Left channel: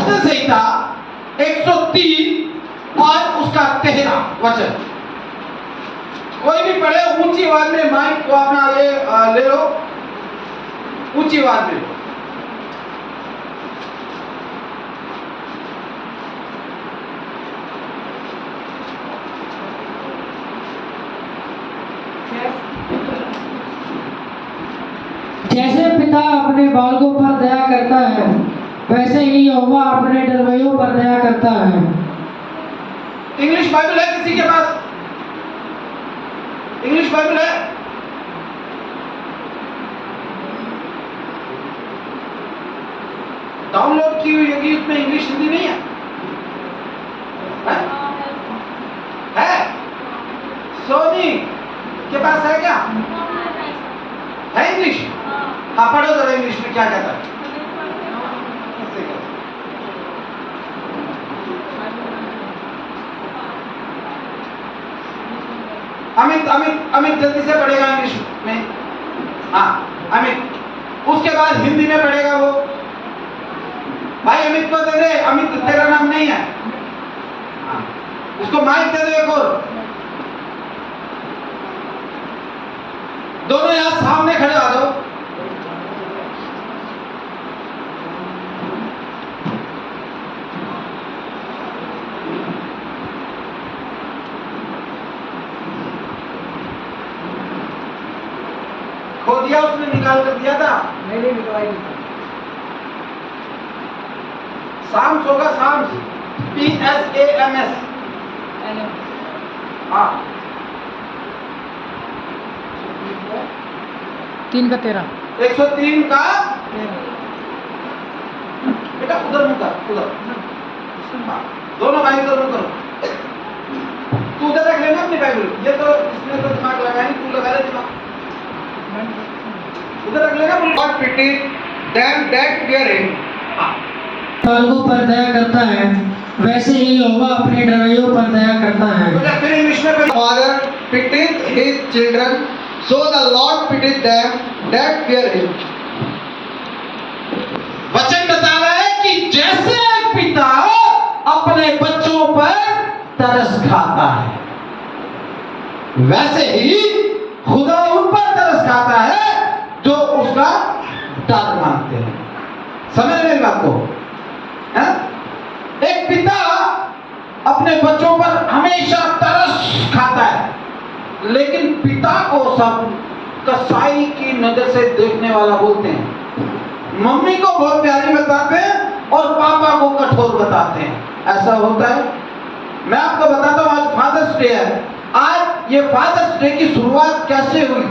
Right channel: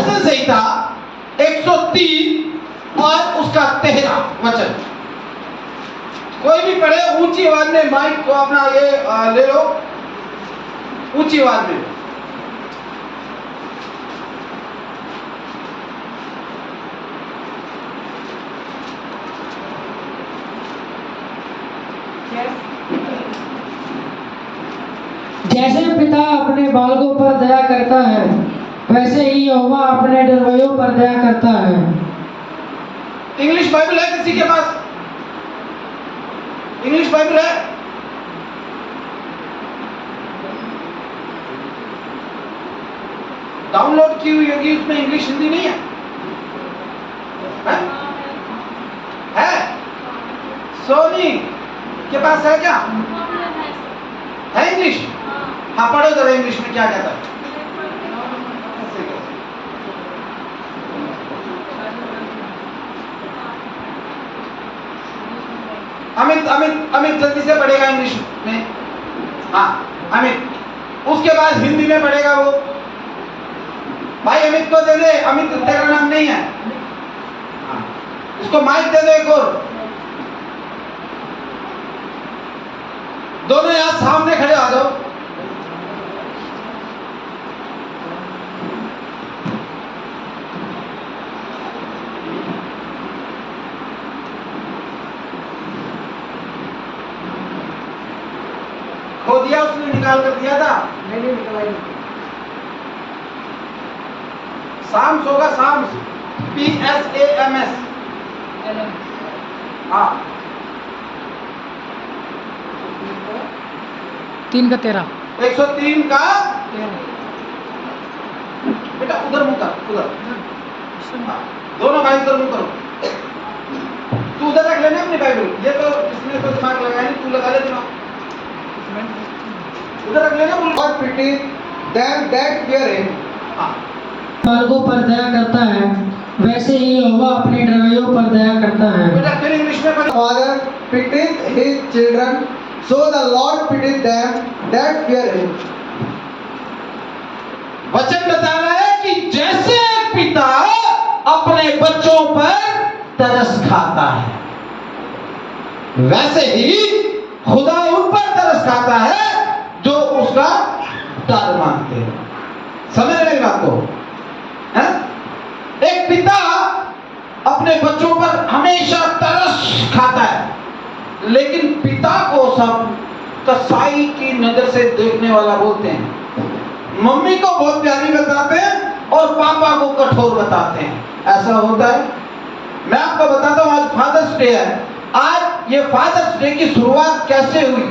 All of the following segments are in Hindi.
भजन संहिता 103 और उसका 13 वचन। कोई भी पढ़े ऊंची आवाज में, माइक को अपना ये ले लो, ऊंची आवाज में। जैसे पिता अपने बालकों पर दया करता है, वैसे ही यहोवा अपने डरवैयों पर दया करता है। इंग्लिश बाइबल है किसी के पास? इंग्लिश बाइबल है? डाउनलोड की हुई होगी, उसमें इंग्लिश हिंदी नहीं है? है? सोनी के पास है क्या? है इंग्लिश? हाँ पढ़ो जरा इंग्लिश में क्या कहता है। अमित अमित अमित जल्दी से पढ़ेगा इंग्लिश में। हाँ अमित, उसके बाद हिंदी में पढ़ेगा वो। भाई अमित को दे दे, अमित तेरा नाम नहीं है। हाँ उसको माइक दे दे एक और। दोनों यहाँ सामने खड़े आ जाओ। खो दिया उसने, निकाल कर दिया था? नहीं निकलाई। साम्स होगा, साम्स, PSAMS। हाँ 3 का 13। 103 का बेटा उधर मुंह कर, उधर। हाँ दोनों भाई उधर मुंह करो। तू उधर रख लेना अपनी बाइबल, ये तो इसने तो दिमाग लगाया नहीं, तू लगा ले दिमाग। उधर रख लेना। God pity them that fear him. बालकों पर दया करता है, वैसे ही यहोवा अपने डरवैयों पर दया करता है। बेटा फिर इंग्लिश में पढ़ो। Father pitieth his children, so the Lord pitieth them that fear him. वचन बता रहा है कि जैसे एक पिता अपने बच्चों पर तरस खाता है, वैसे ही खुदा उन पर तरस खाता है जो उसका डर मानते हैं। समझ रहे हैं बात को? है? एक पिता अपने बच्चों पर हमेशा तरस खाता है, लेकिन पिता को सब कसाई की नजर से देखने वाला बोलते हैं। मम्मी को बहुत प्यारी बताते हैं और पापा को कठोर बताते हैं। ऐसा होता है। मैं आपको बताता हूँ, आज फादर्स डे है। आज ये फादर्स डे की शुरुआत कैसे हुई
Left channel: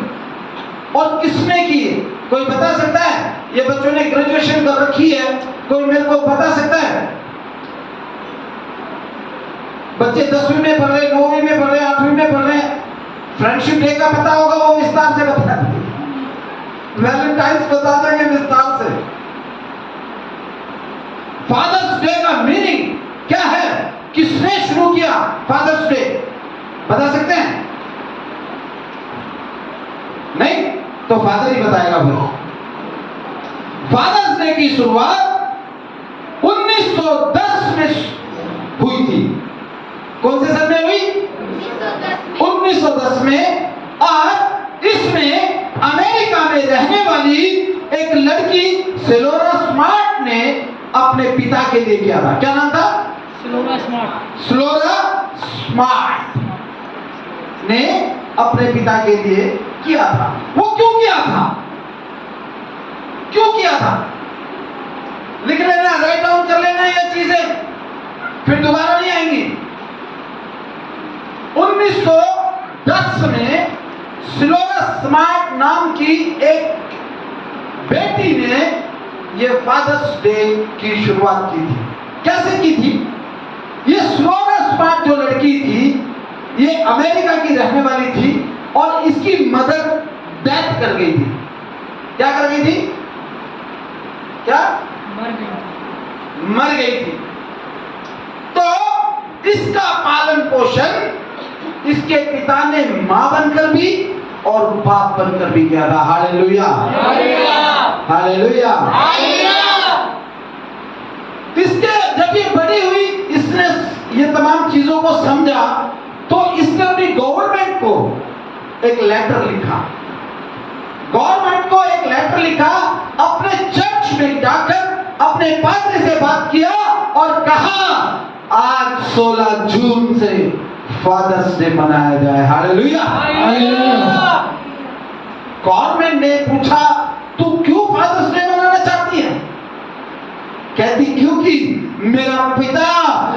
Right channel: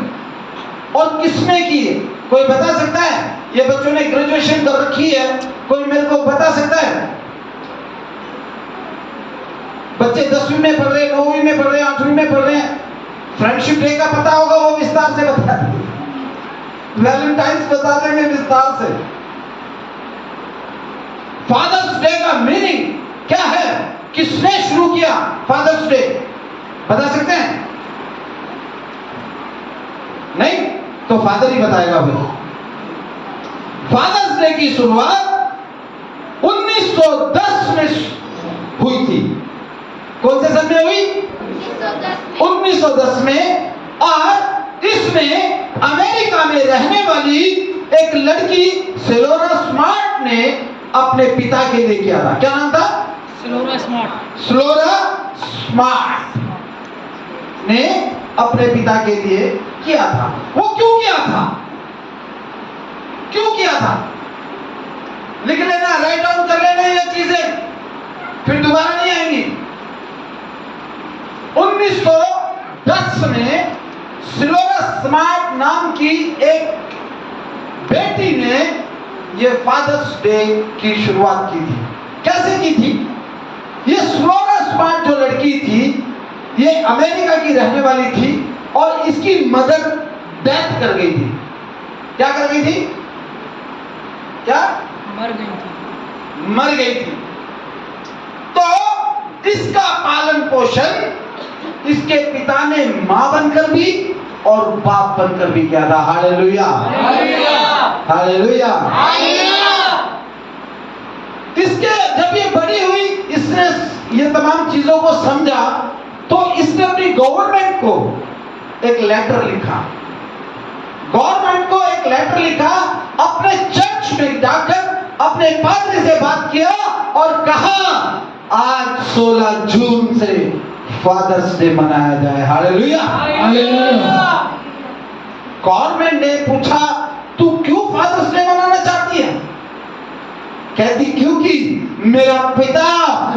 और किसने की है, कोई बता सकता है? ये बच्चों ने ग्रेजुएशन कर रखी है, कोई मेरे को बता सकता है? बच्चे 10वीं में पढ़ रहे, 9वीं में पढ़ रहे, 8वीं में पढ़ रहे हैं। फ्रेंडशिप डे का पता होगा, वो विस्तार से बता देंगे। वैलेंटाइंस बता देंगे विस्तार से। फादर्स डे का मीनिंग क्या है? किसने शुरू किया फादर्स डे, बता सकते हैं? नहीं तो फादर ही बताएगा भाई। फादर्स डे की शुरुआत 1910 में हुई थी। कौन से सन में हुई? 1910 में। और इसमें अमेरिका में रहने वाली एक लड़की सेलोरा स्मार्ट ने अपने पिता के लिए किया था। क्या नाम था? स्लोरा स्मार्ट। स्लोरा स्मार्ट ने अपने पिता के लिए किया था। वो क्यों किया था? क्यों किया था? लिख लेना, राइट डाउन कर लेना ये चीजें, फिर दोबारा नहीं आएंगी। 1910 में स्लोरा स्मार्ट नाम की एक बेटी ने ये फादर्स डे की शुरुआत की थी। कैसे की थी? ये स्लोरा स्मार्ट जो लड़की थी, ये अमेरिका की रहने वाली थी और इसकी मदर डेथ कर गई थी। क्या कर गई थी? क्या? मर गई थी। मर गई थी। तो इसका पालन पोषण इसके पिता ने मां बनकर भी और बाप बनकर भी किया था। Hallelujah, hallelujah. इसके एक लेटर लिखा, गवर्नमेंट को एक लेटर लिखा, अपने चर्च में जाकर अपने पादरी से बात किया और कहा आज 16 जून से फादर्स डे मनाया जाए। हालेलुया। गवर्नमेंट ने पूछा तू क्यों फादर्स डे मनाना चाहती है? कहती क्योंकि मेरा पिता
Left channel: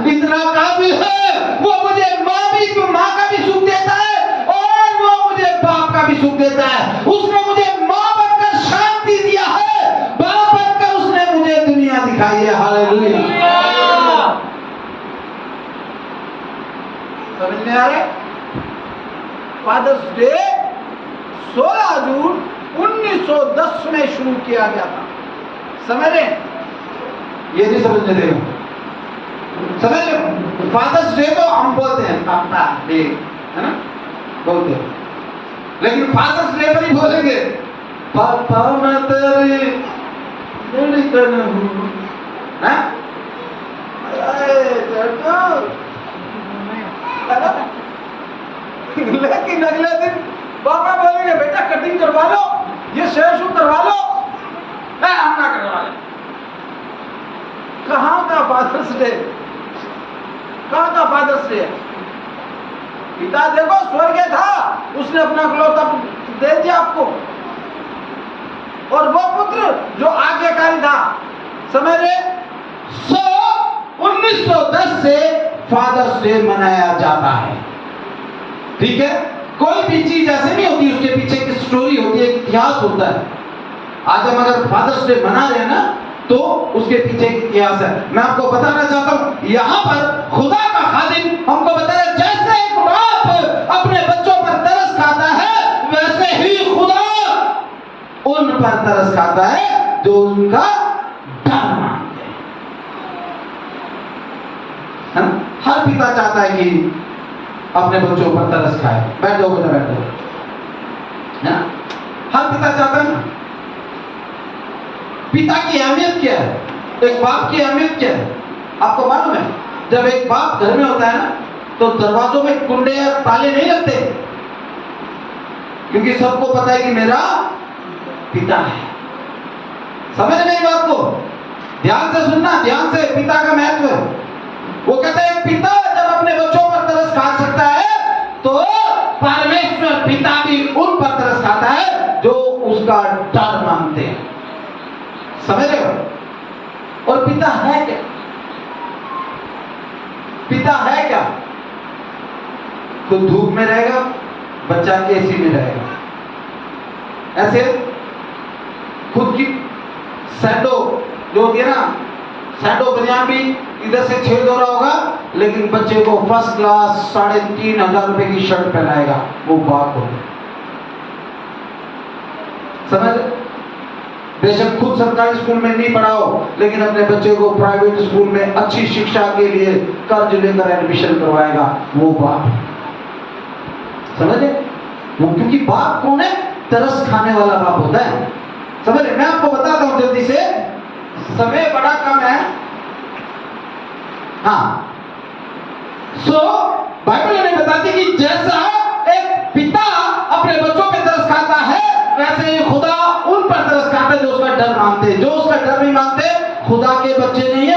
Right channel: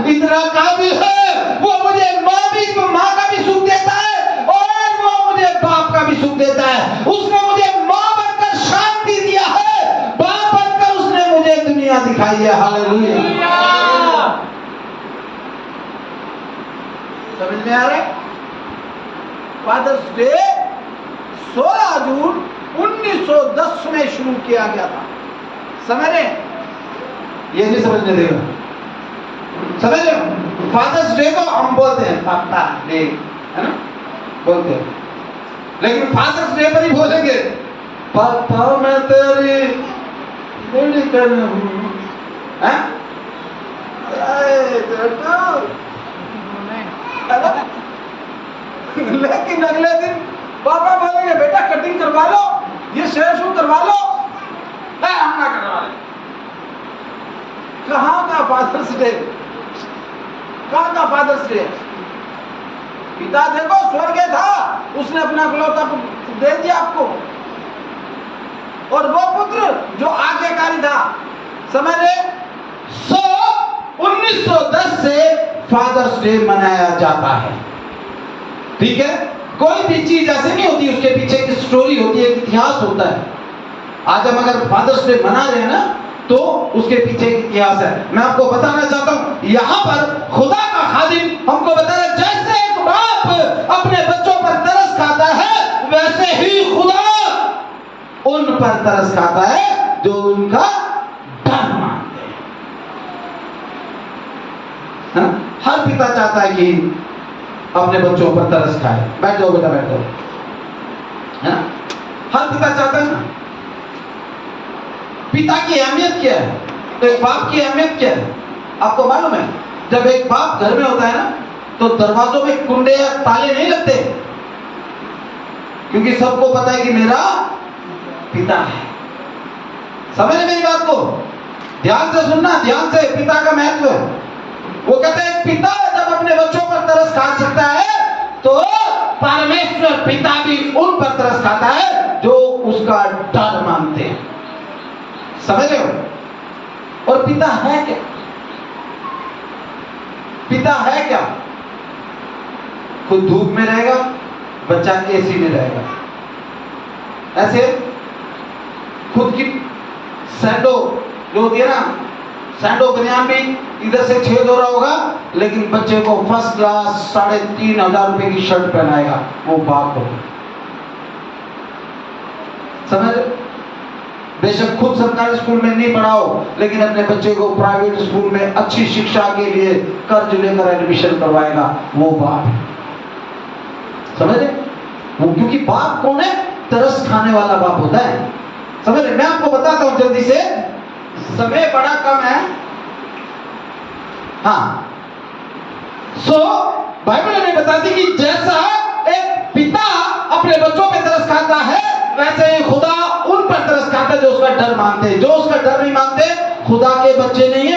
इतना काबिल है, वो मुझे माँ का भी सुख देता है और वो मुझे बाप का भी सुख देता है। उसने मुझे माँ बनकर शांति दिया है, बाप बनकर उसने मुझे दुनिया दिखाई है। हालेलुया। समझ में आ रहा है? फादर्स डे 16 जून 1910 में शुरू किया गया था। समझ रहे? ये नहीं समझने देगा। समझ रहे हो? फादर्स डे को हम बोलते हैं पापा डे, है ना, बोलते हैं, लेकिन फादर्स डे पर ही बोलेंगे पापा मैं तेरी मेडिकल हूँ, हैं? लेकिन अगले दिन पापा बोलेंगे बेटा कटिंग करवा लो, ये शेव शू करवा लो, हम ना करवा ले। कहाँ का फादर्स डे? कहाँ का फादर्स डे? पिता देखो स्वर्ग था, उसने अपना इकलौता पुत्र दे दिया आपको, और वो पुत्र जो आज्ञाकारी था। समझ रहे? 1910 से फादर्स डे मनाया जाता है। ठीक है? कोई भी चीज ऐसे नहीं होती, उसके पीछे एक स्टोरी होती है, एक इतिहास होता है। आज हम अगर फादर्स डे मना रहे हैं ना, तो उसके पीछे एक इतिहास है। मैं आपको बताना चाहता हूं, यहां पर खुदा का खादिम हमको बताया जैसे एक बाप अपने बच्चों पर तरस खाता है, वैसे ही खुदा उन पर तरस खाता है जो उनका डर मानते हैं। हाँ? हर पिता चाहता है कि अपने बच्चों पर तरस खाए। बैठ जाओ बेटा, बैठ जाओ। हाँ? हर पिता चाहता है ना। पिता की अहमियत क्या है? एक बाप की अहमियत क्या है? आपको मालूम है? जब एक बाप घर में होता है ना, तो दरवाजों में कुंडे या ताले नहीं लगते, क्योंकि सबको पता है कि मेरा पिता है। समझ रहे मेरी बात को? ध्यान से सुनना, ध्यान से। पिता का महत्व, वो कहते हैं पिता जब अपने बच्चों पर तरस खा सकता है, तो परमेश्वर पिता भी उन पर तरस खाता है जो उसका डर मानते हैं। समझ रहे हो? और पिता है क्या? पिता है क्या? कोई धूप में रहेगा, बच्चा एसी में रहेगा, ऐसे खुद की सैंडो जो होती है ना, सैंडो बनियान भी इधर से छेद हो रहा होगा, लेकिन बच्चे को फर्स्ट क्लास 3,500 रुपए की शर्ट पहनाएगा, वो बाप होगा। समझ? बेशक खुद सरकारी स्कूल में नहीं पढ़ाओ, लेकिन अपने बच्चे को प्राइवेट स्कूल में अच्छी शिक्षा के लिए कर्ज लेकर एडमिशन करवाएगा, वो बाप। समझे? वो क्योंकि बाप कौन है? तरस खाने वाला बाप होता है। समझ रहे? मैं आपको बताता हूं जल्दी से, समय बड़ा कम है। हाँ, बाइबल हमें बताती कि जैसा एक पिता अपने बच्चों पे तरस खाता है, वैसे ही खुदा उन पर तरस खाता है जो उसका डर मानते हैं। जो उसका डर नहीं मानते, खुदा के बच्चे नहीं है।